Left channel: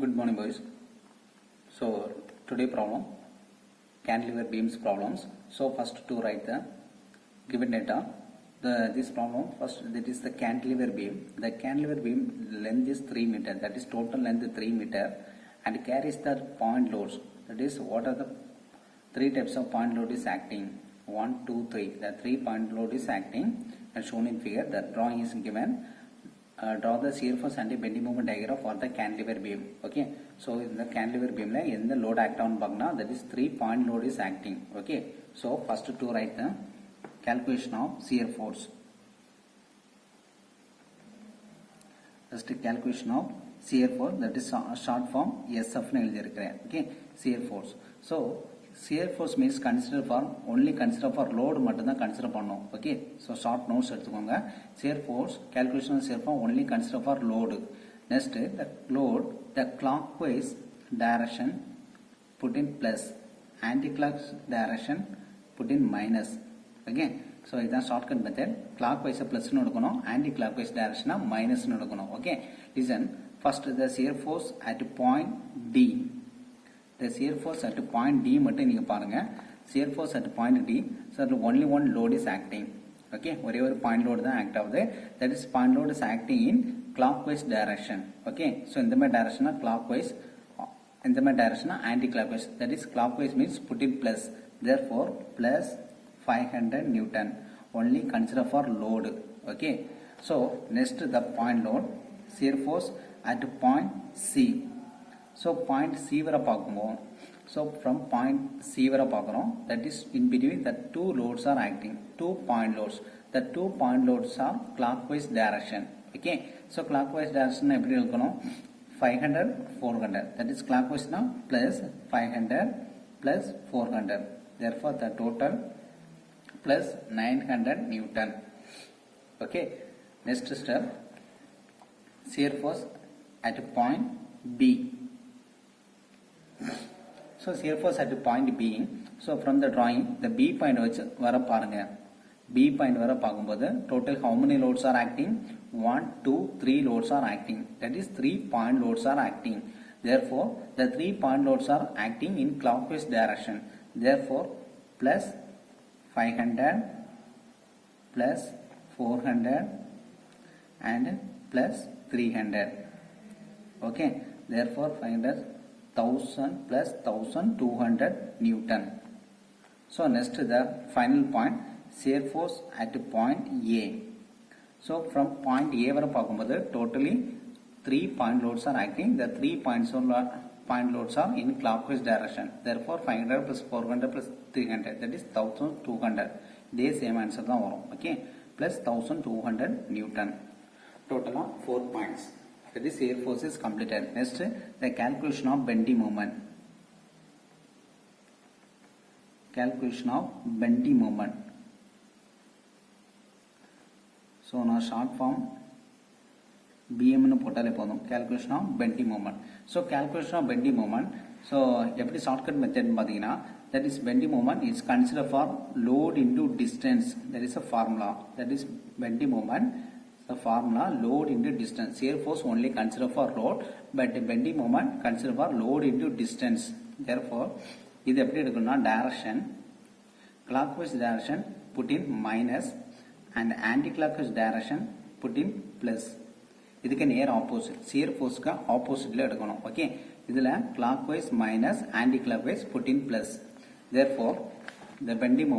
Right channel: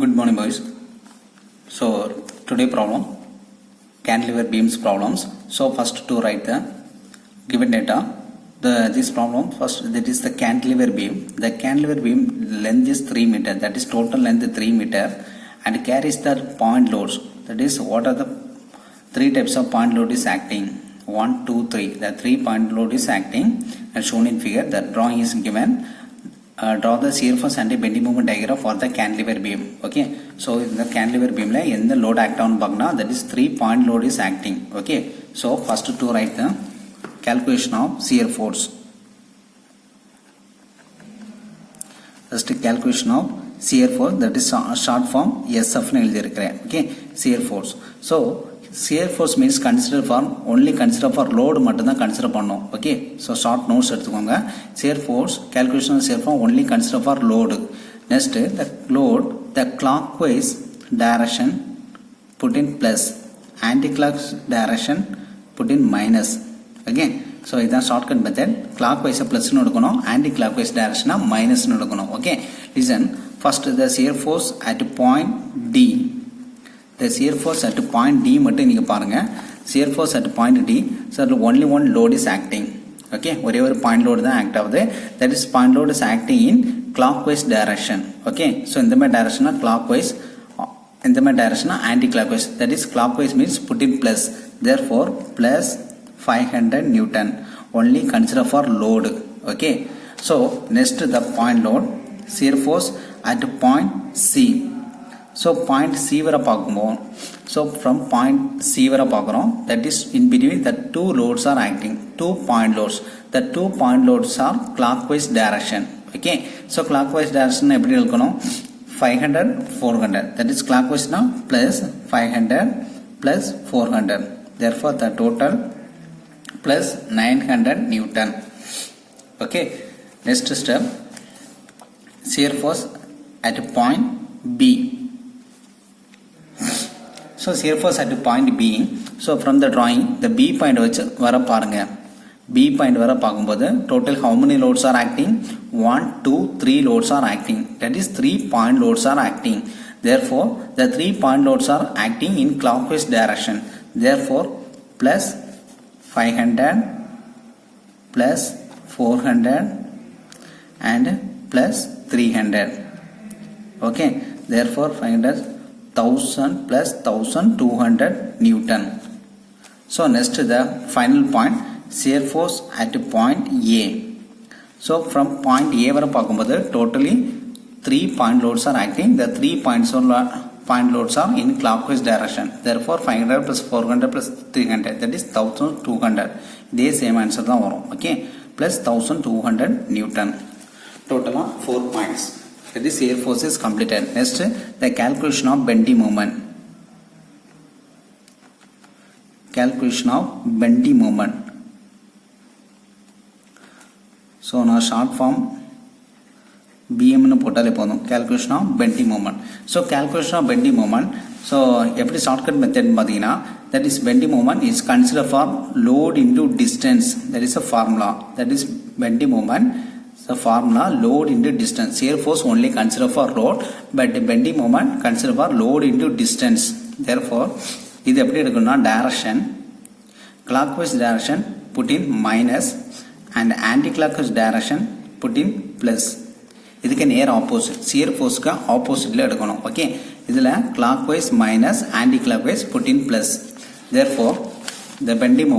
Good morning, boys. So today problem, cantilever beams problems. So first to write the given data. This problem first, that is the cantilever beam. The cantilever beam length is 3 meter. That is total length 3 meter and carries the point loads. That is what are the three types of point load is acting. 1, 2, 3. The 3 point load is acting and shown in figure. The drawing is given. Draw the shear force and a bending moment diagram for the cantilever beam. Okay, so in the cantilever beam la in the load act on bagna, that is 3 point load is acting. Okay, so first to write the calculation of shear force. First calculation of shear force, that is short form SF nu eludhirukken. Okay, shear force. So shear force means consider for load மட்டும் தான் consider பண்ணோம். Okay, so short notes எடுத்துக்கோங்க. Shear force calculation of shear force only consider for load. Next, the load, the clockwise direction put in plus, anti-clockwise direction put in minus. Again, so இதான் shortcut method. Clockwise plus னு எடுக்கணும், anti-clockwise direction minus னு எடுக்கணும். Okay, listen. First, the shear force at point D. The shear force at point D மட்டும் நீங்க பாருங்க. Shear force at point D, so only one load is acting. Okay, ஒரே ஒரு point load தான் act ஆகுது. That is point load is acting in clockwise direction. Okay, so இந்த மாதிரி direction clockwise, இந்த மாதிரி direction anti-clockwise. That is clockwise means put in plus. Therefore, plus 500 Newton. Only consider for load. Okay, so next the point load, shear force at point C. So point C வரை பார்க்கும்போது, so from point C வரை பார்க்குறோம், that is in between the two loads are acting, 2 point loads. The 2 point loads are clockwise direction. Okay, so clockwise direction எப்படி எழுதணும்? 500 400. That is clockwise now plus 500 plus 400. Therefore the total plus 900 Newton. Okay, next step, shear force at point B. So shear force at point B. So from the drawing, the B point வச்சு வர பாருங்க. B point வர பார்க்கும்போது total how many loads are acting? 1, 2, 3 loads are acting. That is 3 point loads are acting. Therefore, the 3 point loads are acting in clockwise direction. Therefore, plus 500 plus 400 and plus 300. Okay, therefore 500 1000 plus 1200 Newton. So next the final point, shear force at point A. So from point A வரை பார்க்கும்போது totally 3 point loads are acting. The 3 point loads are in clockwise direction. Therefore 500 plus 400 plus 300, that is 1200. இதே same answer தான் வரும். Okay, plus 1200 Newton. Total 4 points. This shear force is completed. Next, the calculation of bending moment. Calculation of bending moment. So now short form BM nu போட்டாலே போதும். Calculation of bending moment. So calculation of bending moment. So எப்படி shortcut method பாத்தீங்கன்னா, that is bending moment is considered for load into distance. That is a formula. That is bending moment. The formula load into distance. Shear force only consider for load, but the bending moment consider for load into distance. Therefore, இது எப்படி எடுக்கணும்னா direction, clockwise direction put in minus and anti-clockwise direction put in plus. இதுக்கு நேர் opposite, shear forceக்கு oppositeல எடுக்கணும். Okay, இதுல clockwise minus anti-clockwise put in plus. Therefore, the bending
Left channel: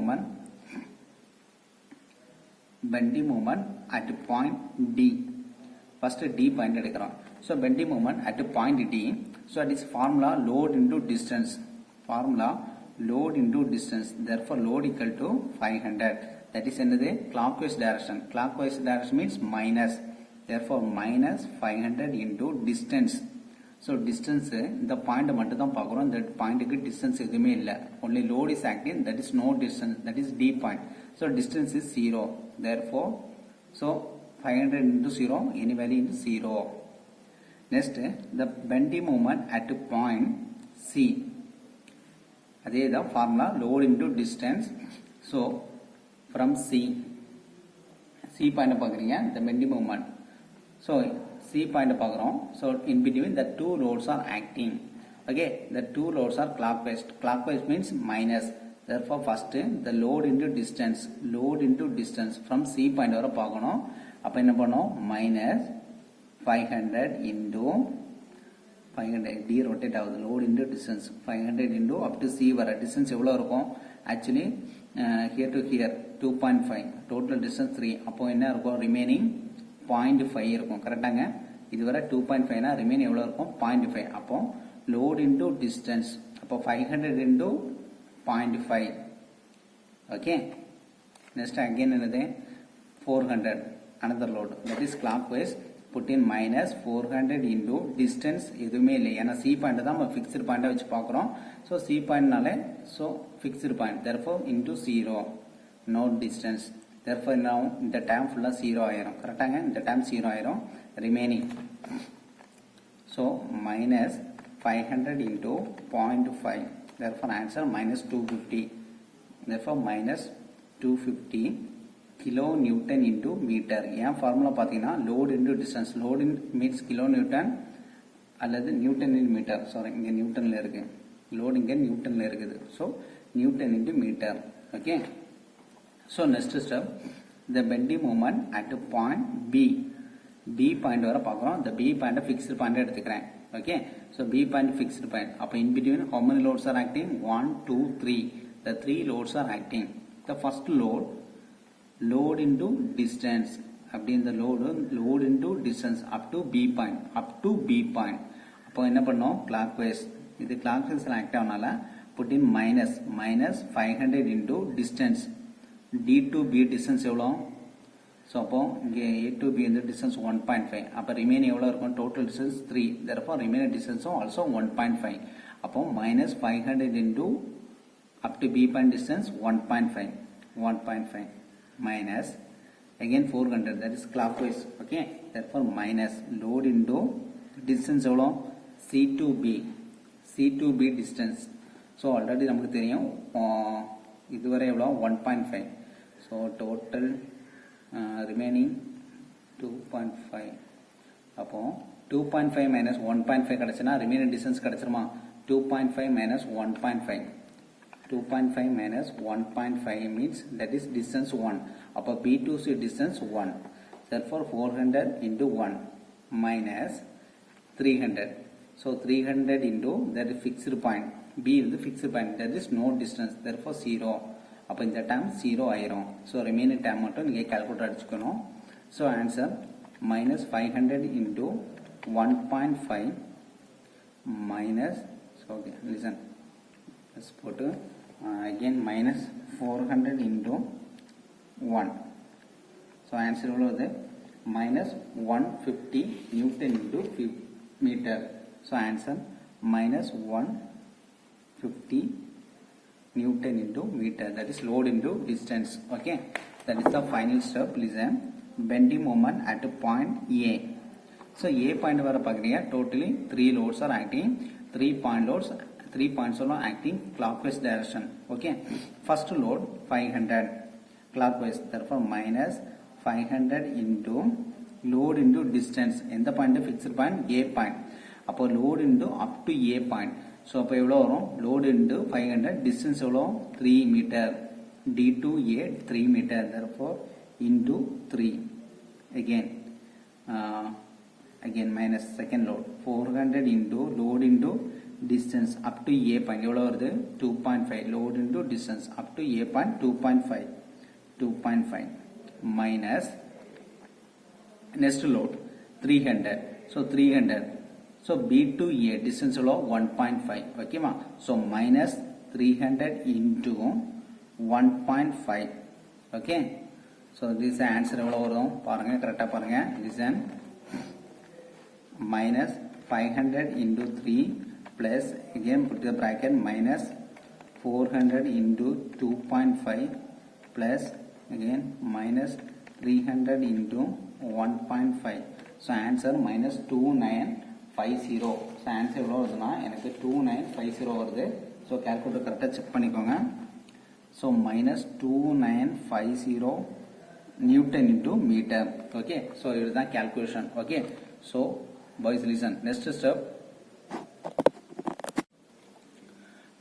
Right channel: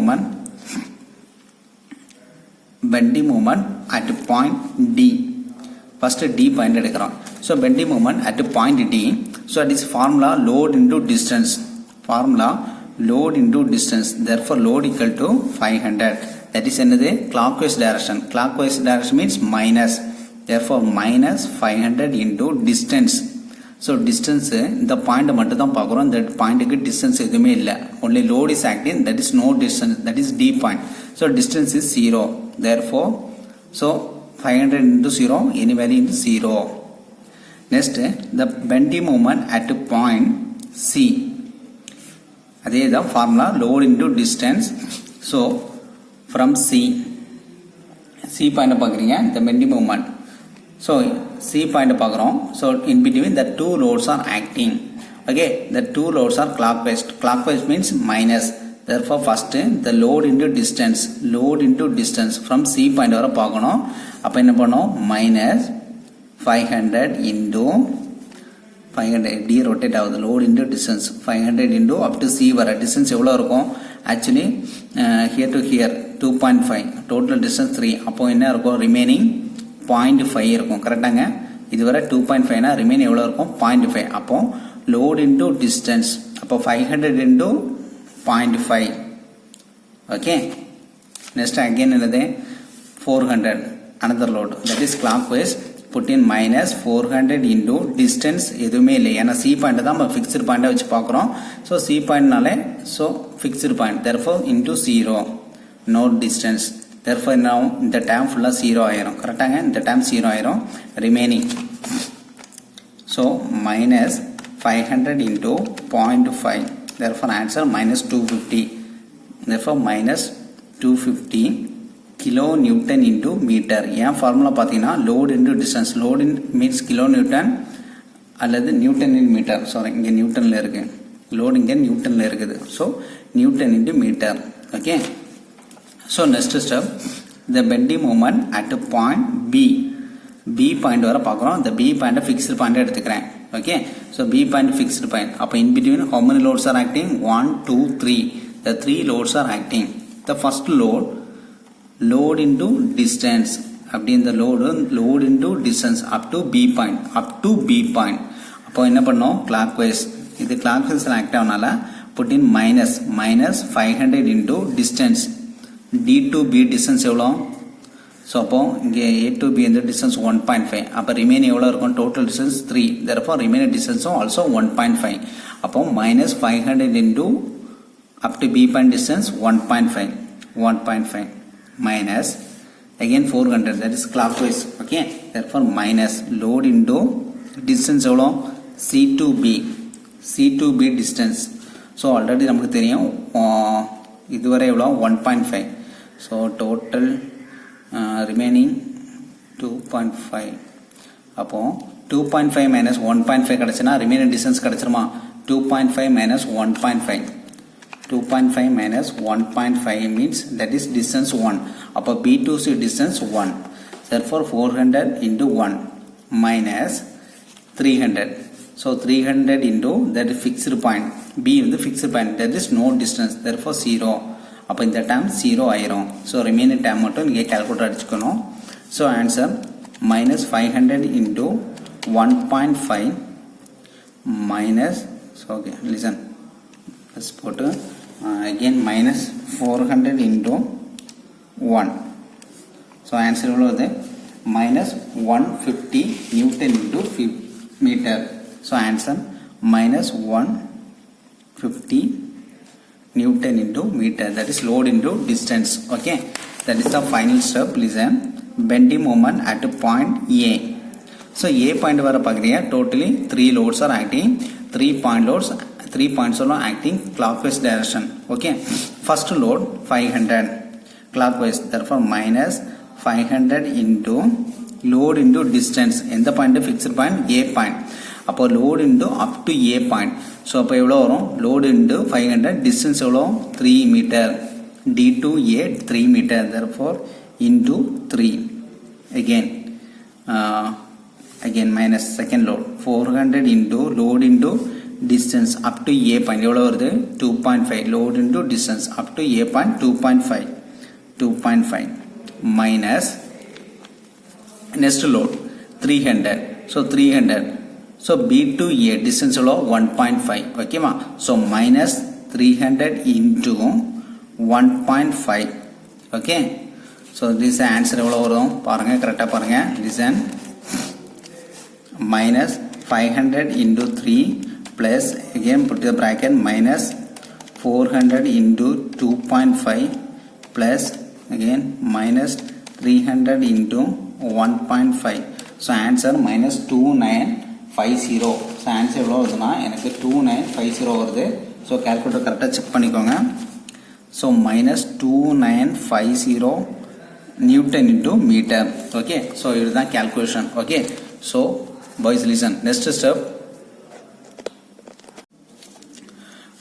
moment at point D. First D point எடுக்கிறோம். So bending moment at point D. So it is formula load into distance. Formula load into distance. Therefore load equal to 500. That is என்னது? Clockwise direction. Clockwise direction means minus. Therefore minus 500 into distance. So distance இந்த point மட்டும் தான் பார்க்குறோம். இந்த பாயிண்ட்டுக்கு distance எதுவுமே இல்லை. Only load is acting. That is no distance. That is D point. So distance is 0. Therefore, so 500 into 0, any value into 0. Next, the bending moment at point C. That is the formula load into distance. So from C point பார்க்குறீங்க, the bending moment. So C point பார்க்குறோம். So in between the two loads are acting. Okay, the two loads are clockwise. Clockwise means minus. Therefore first the load into distance from C point வரை பார்க்கணும். அப்போ என்ன பண்ணோம், minus 500 into 500 d rotate ஆகுது, load into distance 500 into up to C வர distance எவ்வளோ இருக்கும், actually here to here 2.5, total distance 3. அப்போ என்ன இருக்கும், remaining 0.5 இருக்கும். கரெக்டாங்க, இதுவரை 2.5னா ரிமைன் எவ்வளோ இருக்கும், 0.5. அப்போ load into distance, அப்போ 500 into 0.5. ஓகே, நெக்ஸ்ட் அகெயின் என்னது 400 another load, that is clockwise. put in minus 400 into distance எதுவுமே இல்லை, ஏன்னா C பாயிண்ட் தான் நம்ம ஃபிக்ஸ்டு பாயிண்டாக வச்சு பார்க்குறோம். ஸோ C பாயிண்ட்னாலே so fixed point, therefore into 0, no distance. therefore now இந்த டேம் ஃபுல்லாக 0 ஆயிரும். கரெக்டாங்க, இந்த டேம் 0 ஆயிரும். remaining, so minus 500 into 0.5, therefore answer minus 250. therefore minus 250 kilo newton into metre. ஏன் ஃபார்முலா பார்த்தீங்கன்னா load into distance, load in means kilo newton அல்லது newton in metre. Sorry, இங்கே நியூட்டனில் இருக்குது, லோட் இங்கே நியூட்டனில் இருக்குது. So newton into metre. Okay, so next step, the bending moment at point B point வர பார்க்குறோம். இந்த பி பாயிண்ட்டை ஃபிக்ஸ்டு பாயிண்ட்டை எடுத்துக்கிறேன். Okay, so B point fixed point. அப்போ in between how many loads are acting, 1 2 3, the 3 loads are acting. the first load into distance, அப்படி இந்த load into distance up to B point. அப்போ என்ன பண்ணோம், clockwise, இது clockwise act ஆகனால put in minus 500 into distance, D to B distance எவ்வளோ, so அப்போ இங்கே A to B இந்த distance 1.5. அப்போ ரிமைன் எவ்வளோ இருக்கும், total distance 3, therefore remaining distance also 1.5. அப்போ minus 500 into up to B point distance 1.5 minus again 400, that is clockwise. Okay, therefore minus load into distance எவ்வளோ, C to B distance. So already நமக்கு தெரியும் இதுவரை எவ்வளோ 1.5. So total remaining 2.5. அப்போ 2.5 minus 1.5 கிடச்சுன்னா remaining distance கிடச்சிருமா, 2.5 minus 1.5, 2.5 minus 1.5 means that is distance 1. அப்போ B to C distance 1. therefore 400 into 1 minus 300. so 300 into that is fixed point. B வந்து fixed point, that is no distance, therefore 0. அப்போ இந்த term 0 ஆயிரும். so remaining term மட்டும் நீங்க calculator அடிச்சுக்கணும். so answer minus 500 into 1.5 minus, so okay listen, let's put again minus 400 into 1. so answer எவ்வளவு, minus 150 newton into meter. so answer minus 150 newton into meter, that is load into distance. okay, that is the final step. listen, bending moment at point A. so A point வர பார்க்குறீங்க, totally 3 loads are acting, 3 points are acting clockwise direction. okay, first load 500 clockwise, therefore minus 500 into load into distance, எந்த point fixed point, A point. அப்போ load into up to A point. So அப்போ எவ்வளோ வரும், load into 500, distance எவ்வளோ 3 meter, D to A 3 meter, therefore into 3. again minus second load 400 into load into distance up to A point எவ்வளோ வருது, 2.5, load into distance up to A point 2.5 minus next load 300. so 300, so B to A distance எவ்வளோ 1.5. ஓகேமா, so minus 300 into 1.5. Okay, so this answer எவ்வளோ வரும் பாருங்க, கரெக்டாக பாருங்க. listen, minus 500 into 3 plus again put the bracket minus 400 into 2.5 plus again minus 300 into 1.5. so answer minus 2950. so answer எவ்வளோ வருதுன்னா எனக்கு 2950 வருது. ஸோ calculator கரெக்டாக செக் பண்ணிக்கோங்க. So minus 2950 Newton into meter. okay, so இதுதான் calculation. okay, So boys listen, next step.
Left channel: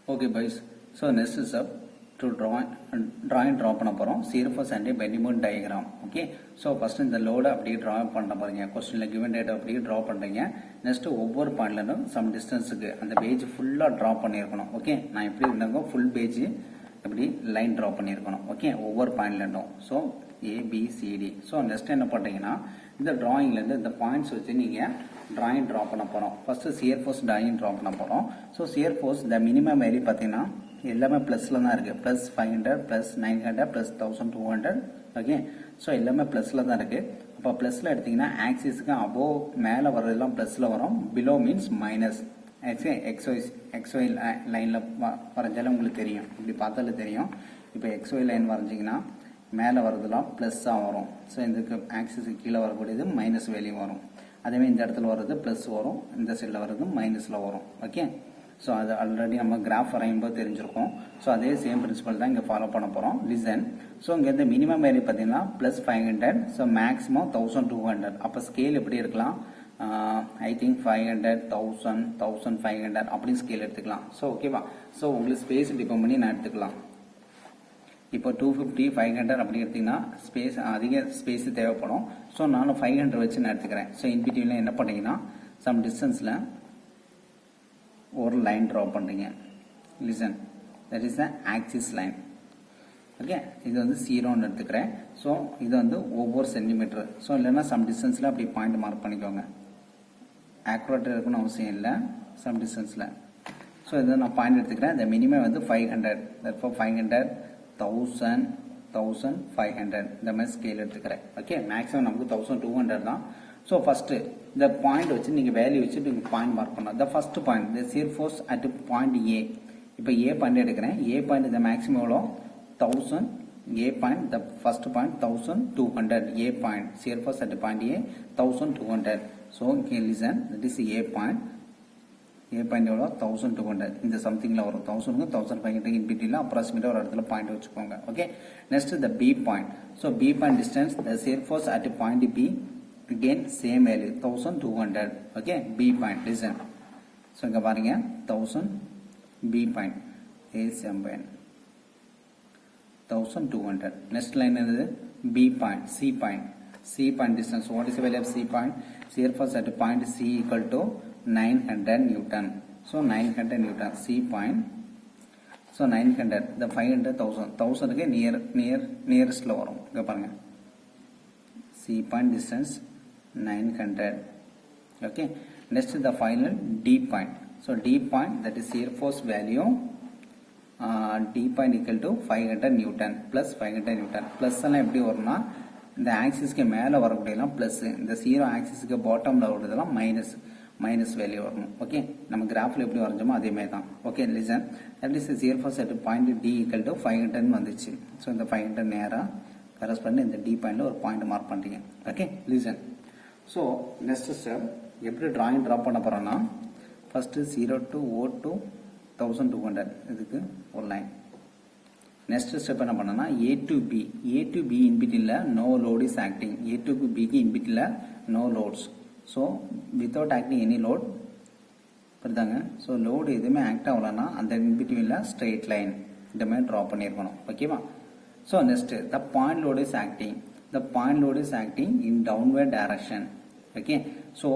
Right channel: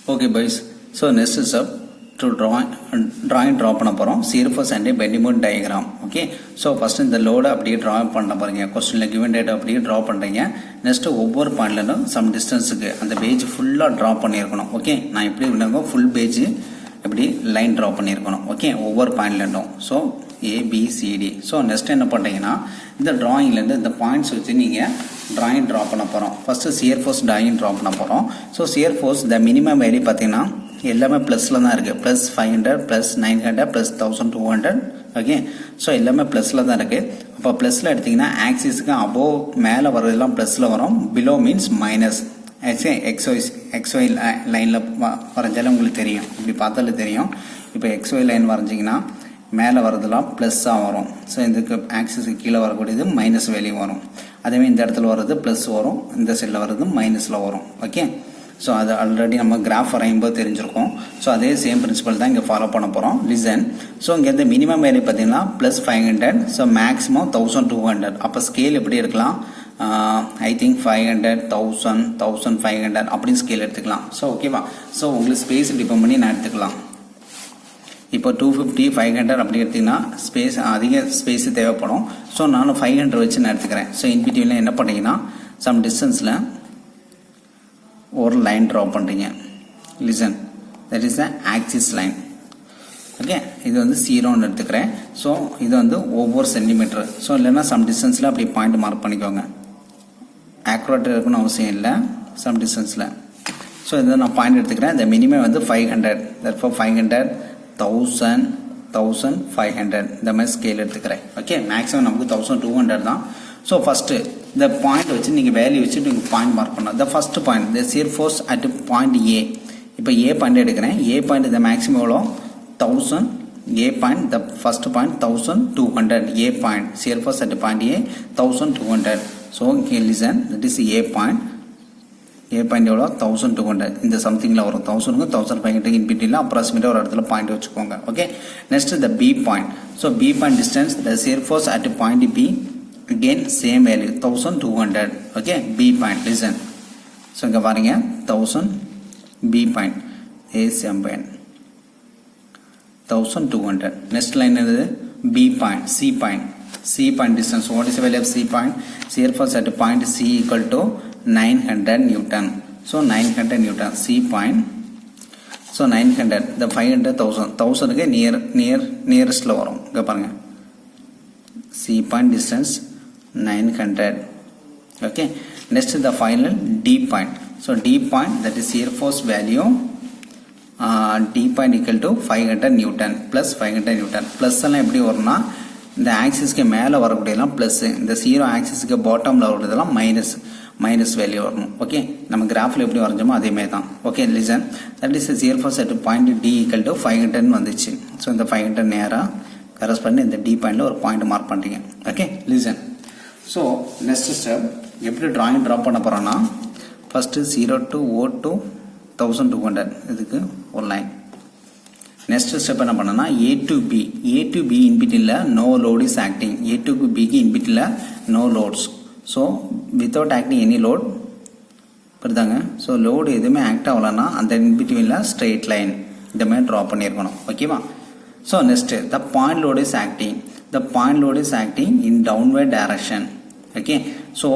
Okay boys, so next step to draw பண்ண போகிறோம் shear force and bending moment diagram. Okay, so first இந்த லோடை அப்படியே draw பண்ண பாருங்க. கொஸ்டினில் given data அப்படியே ட்ரா பண்ணுறீங்க. நெக்ஸ்ட்டு ஒவ்வொரு பாயிண்ட்லும் சம் டிஸ்டன்ஸுக்கு அந்த பேஜ் ஃபுல்லாக ட்ரா பண்ணியிருக்கணும். ஓகே, நான் எப்படி விடுங்க ஃபுல் பேஜ் இப்படி லைன் ட்ரா பண்ணியிருக்கணும். ஓகே, ஒவ்வொரு பாயிண்ட்லேருந்தும். So A B C D. ஸோ நெக்ஸ்ட் என்ன பண்ணுறீங்கன்னா இந்த ட்ராயிங்லேருந்து இந்த பாயிண்ட்ஸ் வச்சு நீங்கள் ட்ராயிங் ட்ரா பண்ண போகிறோம். First shear force drawing draw பண்ண போகிறோம். ஸோ shear force த மினிமம் வேல்யூ பார்த்தீங்கன்னா எல்லாமே ப்ளஸில் தான் இருக்குது. Plus 500 plus 900 plus 1200. Okay, so எல்லாமே ப்ளஸில் தான் இருக்குது. அப்போ ப்ளஸில் எடுத்திங்கன்னா ஆக்சிஸுக்கு அபோவ் மேலே வர்றதெல்லாம் ப்ளஸில் வரும், பிலோ மீன்ஸ் மைனஸ். எக்ஸ்ஒய் லைனில் வரைஞ்சாலும் உங்களுக்கு தெரியும், இப்படி பார்த்தாலே தெரியும். இப்போ எக்ஸ்ஒய் லைன் வரைஞ்சிங்கன்னா மேலே வரதெல்லாம் ப்ளஸ்ஸாக வரும். ஸோ இதுக்கு ஆக்சிஸுக்கு கீழே வரக்கூடியது மைனஸ் வேல்யூ வரும். அதேமாதிரி இந்த இடத்துல வர்றது ப்ளஸ் வரும், இந்த சைடில் வர்றது மைனஸில் வரும். ஓகே, ஸோ அது ஆல்ரெடி நம்ம கிராஃப் வரையும்போது தெரிஞ்சிருக்கோம். ஸோ அதே சேம் பிரின்சிபல் தான் இங்கே ஃபாலோ பண்ண போகிறோம். லிசன். ஸோ இங்கே இந்த மினிமம் வேல்யூ பார்த்தீங்கன்னா ப்ளஸ் 500, ஸோ மேக்ஸிமம் 1200. அப்போ ஸ்கேல் எப்படி எடுக்கலாம்? ஐ திங்க் 500, 1000, 1500 அப்படின்னு ஸ்கேல் எடுத்துக்கலாம். ஸோ ஓகேவா? ஸோ உங்களுக்கு ஸ்பேஸ் டிபெண்ட் பண்ணி நான் எடுத்துக்கலாம். இப்போ 250, 500 அப்படி எடுத்திங்கன்னா ஸ்பேஸ் அதிக ஸ்பேஸ் தேவைப்படும். ஸோ நானும் 500 வச்சு நான் எடுத்துக்கிறேன். ஸோ இன்பிட்வீனில் என்ன பண்ணுறீங்கன்னா சம் டிஸ்டன்ஸில் ஒரு லைன் ட்ரா பண்ணுறீங்க. Listen, that is the axis line. Okay, இது வந்து 0ன்னு எடுத்துக்கிறேன். ஸோ இது வந்து ஒவ்வொரு சென்டிமீட்டர். ஸோ இல்லைன்னா சம் டிஸ்டன்ஸில் அப்படி பாயிண்ட் மார்க் பண்ணிக்கோங்க. ஆக்யூரேட்டாக இருக்கணும்னு அவசியம் இல்லை சம் டிஸ்டன்ஸில். ஸோ இதை நான் பாயிண்ட் எடுத்துக்கிறேன். இந்த மினிமம் வந்து 500, தட்ஃபார் 500, 1000, 1500 இந்த மாதிரி ஸ்கேல் எடுத்துக்கிறேன். ஓகே, மேக்ஸிமம் நமக்கு 1200 தான். ஸோ ஃபஸ்ட்டு இந்த பாயிண்ட் வச்சு நீங்கள் வேல்யூ வச்சுட்டு நீங்கள் பாயிண்ட் மார்க் பண்ணலாம். The first point the shear force at point ஏ. இப்போ ஏ பாயிண்ட் எடுக்கிறேன். ஏ பாயிண்ட் இந்த மேக்ஸிமம் எவ்வளோ? 1000. A point the first point 1200. A point shear force at point A 1200. So இங்கே listen, that is A point. A point எவ்வளோ? 1200. இந்த சம்திங்கில் வரும் 1000க்கு 1500 இன்பிட்டியில் அப்ராக்சிமேட்டாக ஒரு இடத்துல பாயிண்ட் வச்சுக்கோங்க. Okay, next the B point. So B point distance the shear force at point B, again same value 1200. okay, B point. Listen, so இங்க பாருங்க 1000 B point, A same point 1200. next line என்னது? B point, C point. C point distance, what is the value of C point? shear force at point C equal to 900 Newton. so 900 Newton. C point, so 900, the 500, 1000 க்கு nearest ல வரும். இங்க பாருங்க C point distance 900. okay, next is the final D point. so D point, that is shear force value, D point equal to 500 Newton plus 500 Newton. plus எல்லாம் எப்படி வரும்னா இந்த ஆக்சிஸ்க்கு மேலே வரக்கூடியதெல்லாம் ப்ளஸ், இந்த 0 ஆக்சிஸ்க்கு பாட்டமில் வரக்கூடியதெல்லாம் மைனஸ் வேல்யூ வரணும். ஓகே, நம்ம கிராஃபில் எப்படி வரைஞ்சோமோ அதேமாதிரி தான். Okay, listen, that is shear force at point D equal to 500 வந்துச்சு. ஸோ இந்த 500 நேராக கரெஸ்ட் பண்ணி இந்த D பாயிண்டில் ஒரு பாயிண்ட் மார்க் பண்ணுறீங்க. Okay, listen. So next step எப்படி ட்ராயிங் ட்ரா பண்ண போகிறோன்னா ஃபஸ்ட்டு 0 to O to 1200 இதுக்கு ஒரு லைன். நெக்ஸ்ட் ஸ்டெப் என்ன பண்ணனா A to B. A to B இன்பிட்டில் no load is acting. A to Bக்கு இன்பிட்டில் no loads. So without acting any load புரியுதாங்க. ஸோ லோடு எதுவுமே ஆக்ட் ஆகலைன்னா அந்த இன்பிட்வீனில் ஸ்ட்ரெயிட் லைன் இந்த மாதிரி ட்ரா பண்ணியிருக்கணும். ஓகேவா? So next the point load is acting. the point load is acting in downward direction. okay, so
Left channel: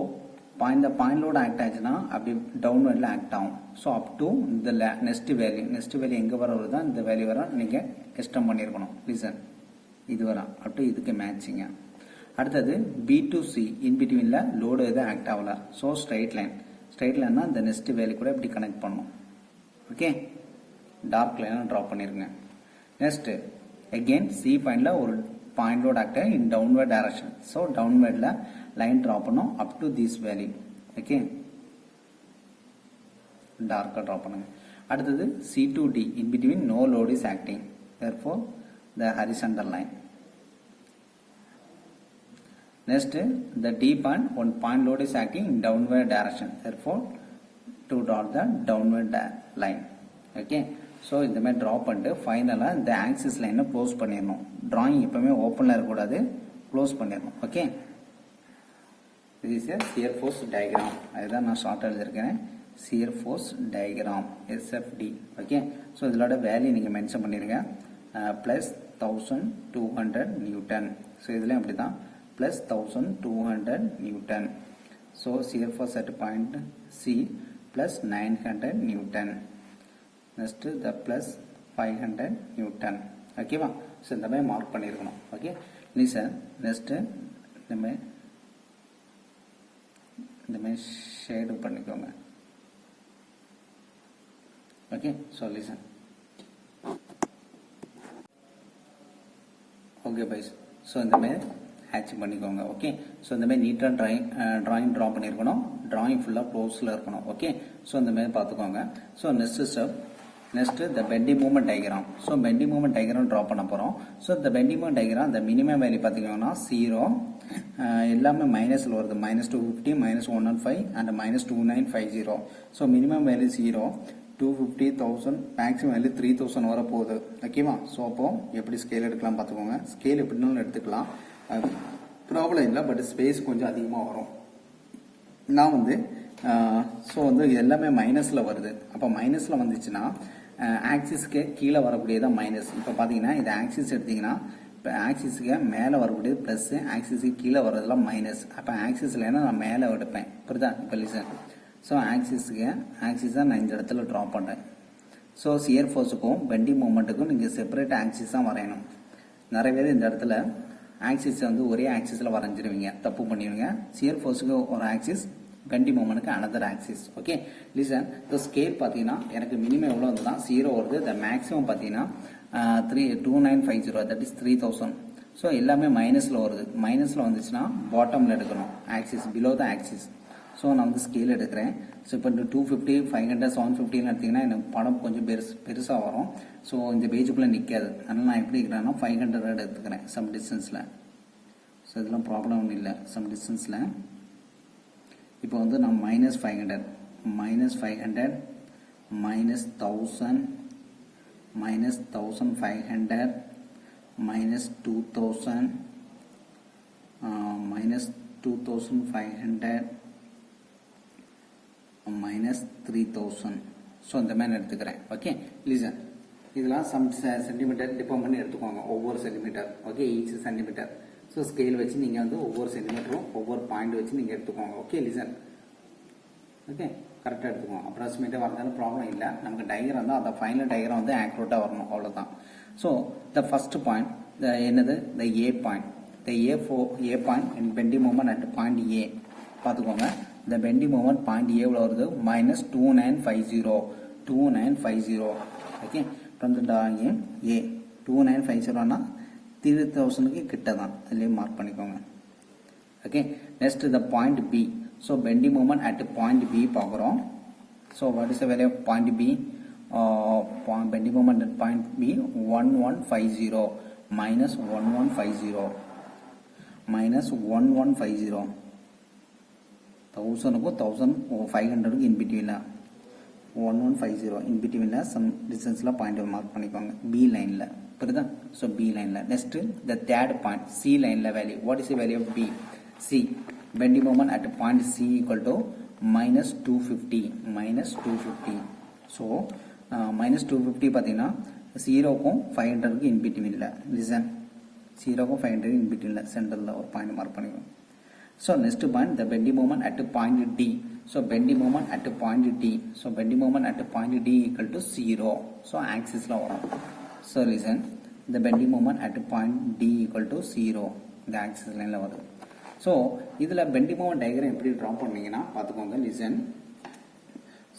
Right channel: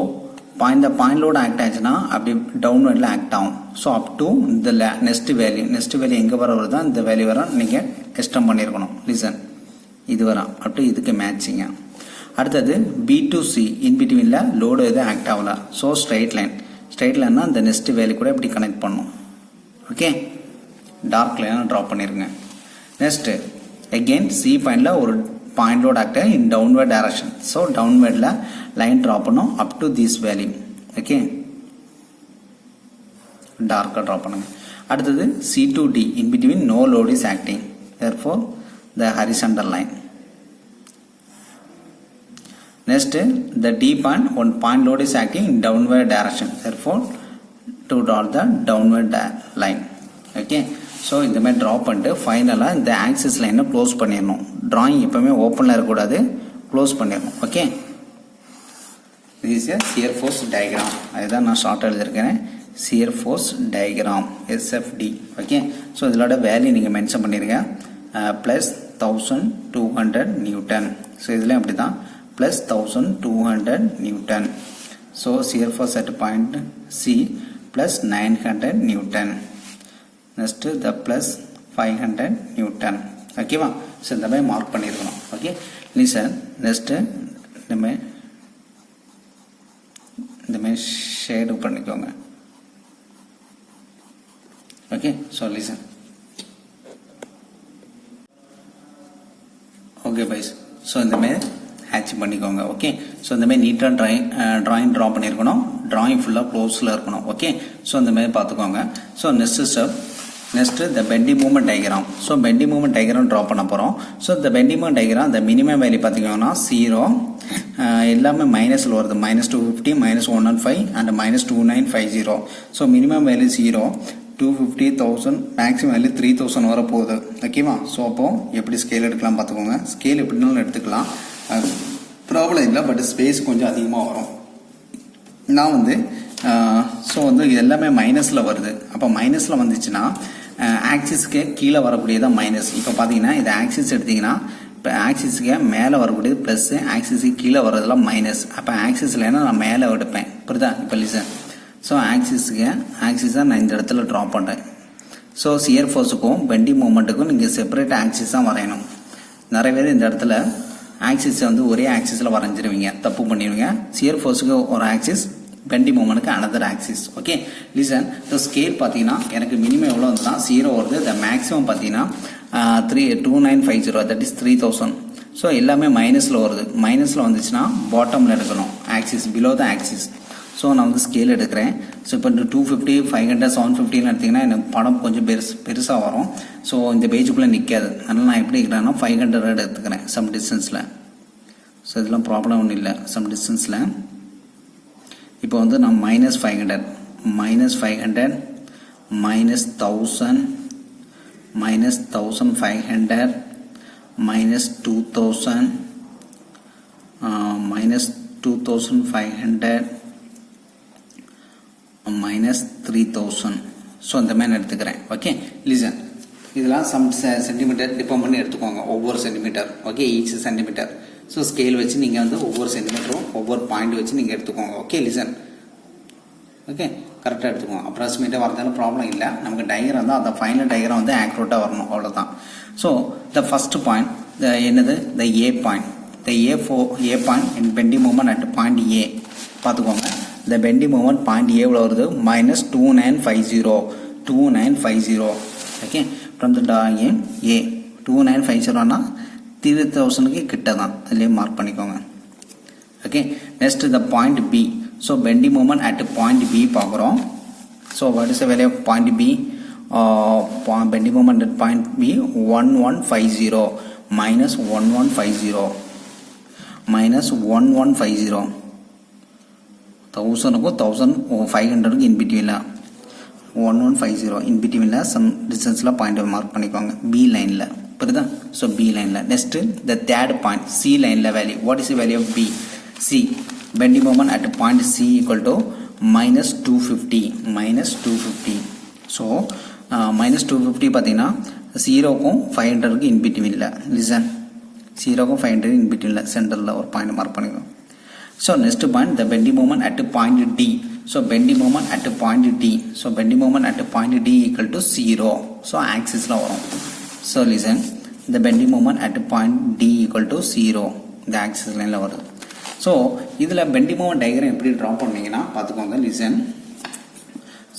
the point load act ஆச்சுன்னா அப்படி downwardல ஆக்ட் ஆகும். ஸோ அப் டு இந்த நெக்ஸ்ட் வேல்யூ எங்கே வர வருதோ இந்த வேல்யூ வர நீங்கள் எக்ஸ்டெண்ட் பண்ணியிருக்கணும். லிசன், இது வரும் அப் டு இதுக்கு மேட்சிங்க. அடுத்தது B to C இன்பிட்வீனில் லோடு எதுவும் ஆக்ட் ஆகல. ஸோ ஸ்ட்ரைட் லைன்னா இந்த நெக்ஸ்ட் வேல்யூ கூட இப்படி கனெக்ட் பண்ணும். ஓகே, டார்க் லைனாக ட்ரா பண்ணிருங்க. நெக்ஸ்ட்டு அகெயின் C பாயிண்டில் ஒரு point load act in downward direction. So டவுன்வர்டில் லைன் ட்ரா பண்ணும் up to this value. Okay, டார்க்காக ட்ரா பண்ணுங்க. அடுத்தது C to D in between no load is acting, therefore the horizontal line. Next, the D point, one point load is acting in downward direction, therefore to draw the downward line. Okay, so இந்த மாதிரி draw பண்ணிட்டு ஃபைனலாக இந்த axis லைனை close பண்ணிடணும். Drawing எப்போவுமே ஓப்பனில் இருக்கக்கூடாது, க்ளோஸ் பண்ணிடணும். Okay, this is a shear force diagram. அதுதான் நான் ஷார்ட் எழுதியிருக்கிறேன், shear force diagram SFD. Okay, so இதோட வேல்யூ நீங்கள் மென்ஷன் பண்ணிடுங்க, ப்ளஸ் 1200 நியூட்டன். ஸோ இதில் அப்படி தான் plus 1200 Newton. So shear force at point C plus 900 Newton. Next the plus 500 Newton. ஓகேவா? ஸோ இந்த மாதிரி மார்க் பண்ணியிருக்கணும். Okay, listen. நெக்ஸ்ட்டு இந்த மாதிரி ஷேடு பண்ணிக்கோங்க. Okay, so listen. ஓகே பைஸ், ஸோ இந்த மாதிரி ஹேட்ச் பண்ணிக்கோங்க. ஓகே, ஸோ இந்த மாதிரி நீட்டாக ட்ராயிங் ட்ரா பண்ணியிருக்கணும். ட்ராயிங் ஃபுல்லாக க்ளோஸில் இருக்கணும். ஓகே, ஸோ இந்த மாதிரி பார்த்துக்கோங்க. So next step, next the bending moment diagram. So bending moment diagram draw பண்ண போகிறோம். ஸோ இந்த பெண்டிங் மூமெண்ட் டயக்ராம் இந்த மினிமம் வேல்யூ பார்த்திங்கன்னா 0, எல்லாமே மைனஸில் வருது. -250, -105 and -2950. So minimum value 0, 250, 1000, maximum value 3000 வர போகுது. ஓகேவா? ஸோ அப்போது எப்படி ஸ்கேல் எடுக்கலாம் பார்த்துக்கோங்க. ஸ்கேல் எப்படினாலும் எடுத்துக்கலாம், ப்ராப்ளம் இல்லை. பட் ஸ்பேஸ் கொஞ்சம் அதிகமாக வரும். நான் வந்து ஸோ வந்து இது எல்லாமே மைனஸில் வருது. அப்போ மைனஸில் வந்துச்சுன்னா ஆக்சிஸ்க்கு கீழே வரக்கூடியதான் மைனஸ். இப்போ பார்த்தீங்கன்னா இது ஆக்சிஸ் எடுத்திங்கன்னா இப்போ ஆக்சிஸுக்கு மேலே வரக்கூடியது ப்ளஸ்ஸு, ஆக்சிஸுக்கு கீழே வர்றதுலாம் மைனஸ். அப்போ ஆக்சிஸ்லன்னா நான் மேலே எடுப்பேன். புரியுதா? இப்போ லிசன். ஸோ ஆக்சிஸாக நான் இந்த இடத்துல ட்ரா பண்ணுறேன். ஸோ சியர் ஃபோர்ஸுக்கும் பெண்டிங் மூமெண்ட்டுக்கும் நீங்கள் செப்பரேட் ஆக்சிஸாக வரையணும். நிறைய பேர் இந்த இடத்துல ஆக்சிஸை வந்து ஒரே ஆக்சிஸில் வரைஞ்சிருவீங்க, தப்பு பண்ணிடுவீங்க. சியர் ஃபோர்ஸுக்கு ஒரு ஆக்சிஸ், பெண்டிங் மூமெண்ட்டுக்கு another axis. Okay, listen. So scale பார்த்தீங்கன்னா எனக்கு மினிமம் எவ்வளோ வந்துன்னா 0 வருது. த மேக்ஸிமம் பார்த்தீங்கன்னா 2950, தட் இஸ் 3000. ஸோ எல்லாமே மைனஸில் வருது. மைனஸில் வந்துச்சுன்னா பாட்டமில் எடுக்கணும், axis below the axis. So நான் வந்து ஸ்கேல் எடுக்கிறேன். ஸோ இப்போ 250, 500, 750 எடுத்திங்கன்னா எனக்கு படம் கொஞ்சம் பெருசாக வரும். ஸோ இந்த பேஜுக்குள்ளே நிற்காது. அதனால் நான் எப்படி இருக்கிறேன்னா 500 எடுத்துக்கிறேன் சம் டிஸ்டன்ஸில். ஸோ இதெல்லாம் ப்ராப்ளம் ஒன்றும் இல்லை. சம் டிஸ்டன்ஸில் இப்போ வந்து நான் -500, -500, -1000, -1500, -2000, -2500, -3000. ஸோ இந்த மாதிரி எடுத்துக்கிறேன். Okay, listen. இதெல்லாம் சம் சென்டிமீட்டர் டிபெண்ட் பண்ணி எடுத்துக்கோங்க, ஒவ்வொரு centimetre. Okay, each centimetre. So scale வச்சு நீங்கள் வந்து ஒவ்வொரு சென்டிமீட்டரும் ஒவ்வொரு பாயிண்ட் வச்சு நீங்கள் எடுத்துக்கோங்க. Okay, listen. ஓகே, கரெக்டாக எடுத்துக்கோங்க. அப்ராக்சிமேட்டாக வரதாலும் ப்ராப்ளம் இல்லை. நமக்கு டயக்ராம் தான், அந்த ஃபைனல் டயக்ராம் வந்து ஆக்யூரேட்டாக வரணும், அவ்வளோதான். ஸோ த ஃபஸ்ட் பாயிண்ட் என்னது? The A point. The A point in bending moment at point A பார்த்துக்கோங்க. The bending moment point A எவ்வளோ வருது? -2950. Okay, from the drawing A 2950னா 3000க்கு கிட்ட தான், அதுலேயே மார்க் பண்ணிக்கோங்க. Okay, next the point B. So bending moment at point B பார்க்குறோம். So what is the value of point B? Bending moment at point B 1150 -1150 -1150. 1000க்கும் 1500க்கும் இன்பிட்வீனில் 1150 இன்பிட்வீனில் சம் டிஸ்டன்ஸில் பாயிண்ட் மார்க் பண்ணிக்கோங்க, பி லைனில். புரியுதா? ஸோ பி லைனில். Next the third point C லைனில் value. What is the value of B? C bending moment at point C equal to -250. So -250 பார்த்தீங்கன்னா 0க்கும் 500க்கும் இன்பிட்வீனில். லிசன், 0க்கும் 500 இன்பிட்வீனில் சென்டரில் ஒரு பாயிண்ட் மார்க் பண்ணிக்கோங்க. So next point the bending moment at point D. So bending moment at point D. So bending moment at point D equal to 0. So ஆக்சிஸில் வரும். So listen, the bending moment at point D equal to 0, இந்த axis லைனில் வருது. So இதில் bending moment diagram எப்படி draw பண்ணிங்கன்னா பார்த்துக்கோங்க. Listen.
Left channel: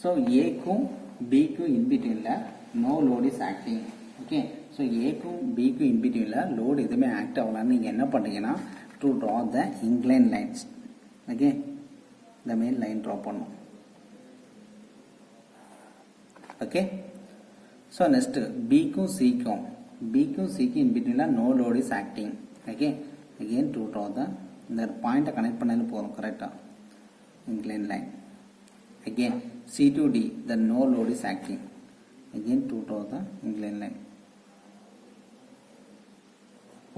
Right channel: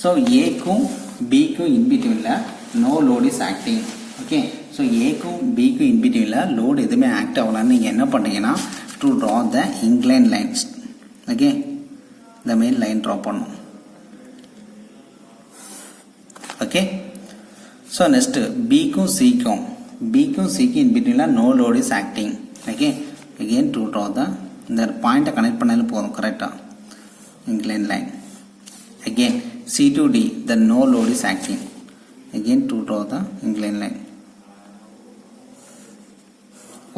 So ஏக்கும் பிக்கும் இன்பிட்வீனில் no load is acting. Okay, so ஏக்கும் பிக்கும் இன்பிட்வீனில் லோடு எதுவுமே ஆக்ட் ஆகலான்னு நீங்கள் என்ன பண்ணீங்கன்னா to draw the incline lines. Okay, இந்த மாதிரி லைன் ட்ரா பண்ணணும். ஓகே, ஸோ நெக்ஸ்ட்டு பிக்கும் சிக்கும் in between no load is acting. Okay, again to draw the point connect பண்ணாலும் போதும், கரெக்டா inclined line. Again C to D, the no load is acting. Again to draw the inclined line.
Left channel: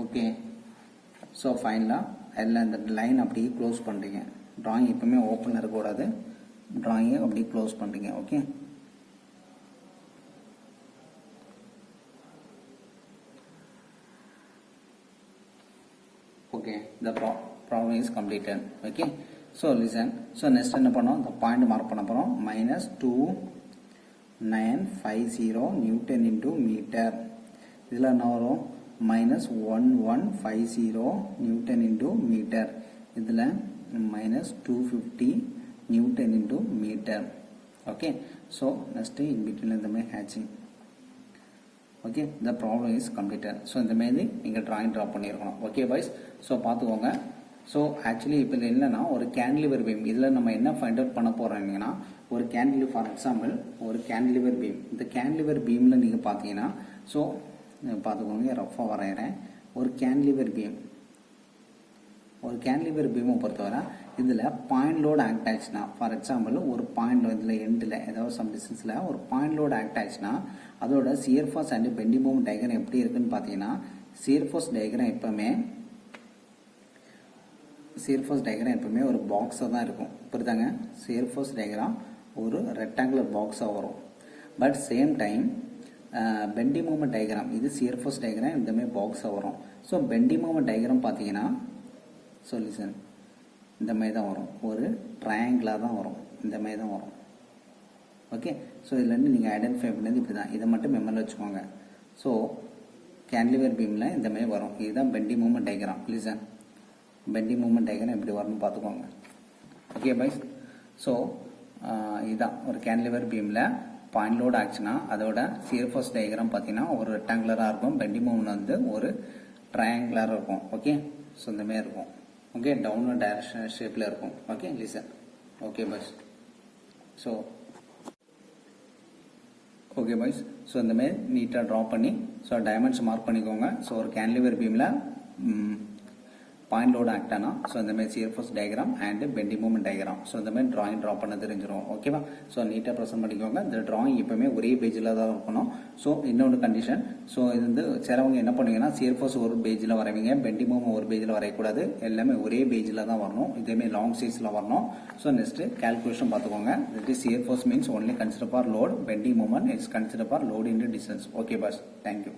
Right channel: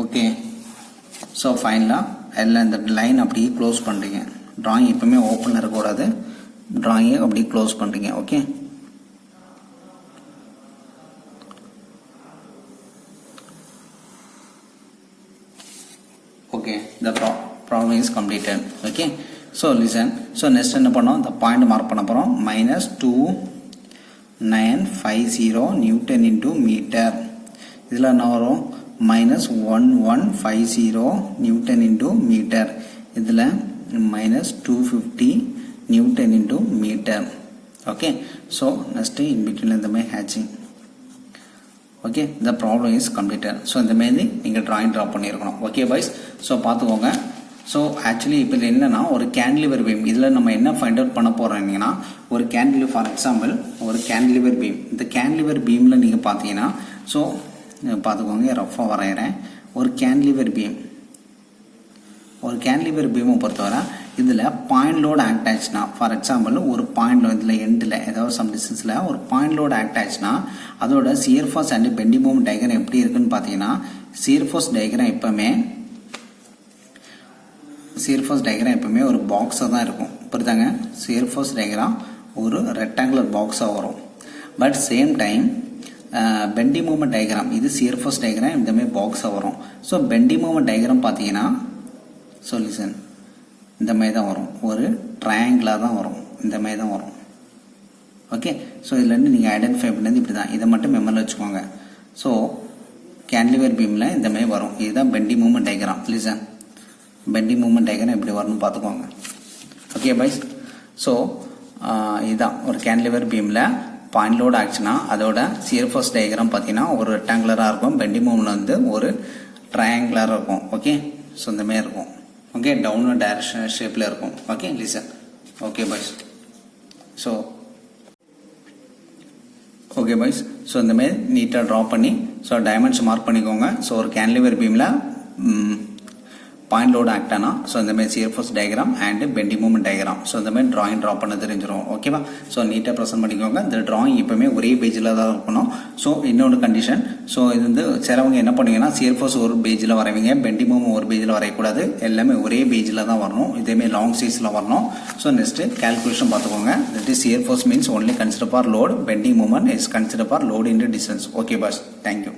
Okay, so finally எல்லாம் இந்த line அப்படியே close பண்ணுறீங்க. drawing எப்பவுமே ஓப்பனில் இருக்கக்கூடாது, drawing அப்படி க்ளோஸ் பண்ணுறீங்க. Okay, okay, the problem is completed. Okay, so listen, so next என்ன பண்ணோம், the point மார்க் பண்ண போகிறோம். -2950 Newton into meter. இதில் என்ன வரும், -1150 Newton into meter. இதில் -250 Newton into meter. Okay, so next in between இந்த மாதிரி hatching. Okay, the problem is completed. So இந்த மாரி நீங்கள் ட்ராயிங் ட்ரா பண்ணியிருக்கணும். ஓகே பாய்ஸ், ஸோ பார்த்துக்கோங்க. ஸோ ஆக்சுவலி இப்போ என்னென்னா ஒரு கேண்டிலிவர் பீம், இதில் நம்ம என்ன ஃபைண்ட் அவுட் பண்ண போகிறோம்னா ஒரு கேண்டிலிவர், ஃபார் எக்ஸாம்பிள் ஒரு கேண்டிலிவர் பீம். இந்த கேண்டிலிவர் பீமில் நீங்கள் பார்த்தீங்கன்னா, ஸோ பார்த்துக்கோங்க, ரஃபாக வரைகிறேன். ஒரு கேண்டிலிவர் பீமை பொறுத்தவரை இதில் பாயிண்ட் லோடு ஆக்ட் ஆச்சுன்னா, ஃபார் எக்ஸாம்பிள் ஒரு பாயிண்ட் இதில் எண்டில் ஏதாவது சம் டிஸ்டன்ஸில் ஒரு பாயிண்ட் லோடு ஆக்ட் ஆச்சுன்னா அதோட shear force and bending moment diagram எப்படி இருக்குன்னு பார்த்தீங்கன்னா, சியர் ஃபோர்ஸ் டயக்ராம் எப்பவுமே ஒரு பாக்ஸாக தான் இருக்கும். புரியுதாங்க, சியர் ஃபோர்ஸ் டயக்ராம் ஒரு ரெக்டாங்குலர் பாக்ஸாக வரும். But same time bending moment diagram, இது சியர் ஃபோர்ஸ் டயக்ராம் இந்த மாதிரி பாக்ஸாக வரும். ஸோ பெண்டிங் மொமெண்ட் டயக்ராம் பார்த்தீங்கன்னா சொல்யூஷன் இந்த மாதிரி தான் வரும், ஒரு ட்ரையாங்கிளாக தான் வரும், இந்த மாதிரி தான் வரும். ஓகே, ஸோ இதுலேருந்து நீங்கள் ஐடென்டிஃபை பண்ணது இப்படி தான், இதை மட்டும் மெமரியில் வச்சுக்கோங்க. ஸோ கேண்டிலிவர் பீமில் இந்த மாதிரி வரும், இதுதான் bending moment diagram. Listen, bending moment diagram எப்படி வரும்னு பார்த்துக்கோங்க. ஓகே பாய்ஸ், ஸோ இதுதான் ஒரு கேண்டிலிவர் பீமில் பாயிண்ட் லோடு ஆச்சுன்னா அதோட சியர் ஃபோர்ஸ் டயக்ராம் பார்த்தீங்கன்னா ஒரு ரெக்டாங்குலராக இருக்கும், பெண்டிங் மூமெண்ட் வந்து ஒரு ட்ரையாங்குலராக இருக்கும். ஓகே, ஸோ இந்த மாதிரி இருக்கும். ஓகே, டவுன்வர்ட் டைரக்ஷன் ஷேப்பில் இருக்கும். Okay, listen. Okay boys, so இந்த மாதிரி நீட்டாக ட்ரா பண்ணி ஸோ டைமென்ஷன் மார்க் பண்ணிக்கோங்க. ஸோ ஒரு கேண்டிலிவர் பீமில் பாயிண்ட் லோடு ஆக்ட் ஆனால் ஸோ இந்த மாதிரி shear force diagram and bending moment diagram, so இந்த மாதிரி ட்ராயிங் ட்ரா பண்ண தெரிஞ்சிடும். ஓகேவா, ஸோ நீட்டாக ப்ரெசென்ட் பண்ணிக்கோங்க. இந்த ட்ராயிங் எப்பவுமே ஒரே பேஜில் தான் இருக்கணும். ஸோ இன்னொரு கண்டிஷன், ஸோ இது வந்து சிலவங்க என்ன பண்ணுவீங்கன்னா சியர் ஃபோர்ஸ் ஒரு பேஜில் வரைவீங்க, பெண்டிங் மூமெண்ட் ஒரு பேஜில் வரையக்கூடாது, எல்லாமே ஒரே பேஜில் தான் வரணும், இதேமாரி லாங் சைஸில் வரணும். ஸோ நெக்ஸ்ட்டு கேல்குலேஷன் பார்த்துக்கோங்க. That is shear force means only consider for load, bending moment is consider for load into distance. Okay boss, thank you.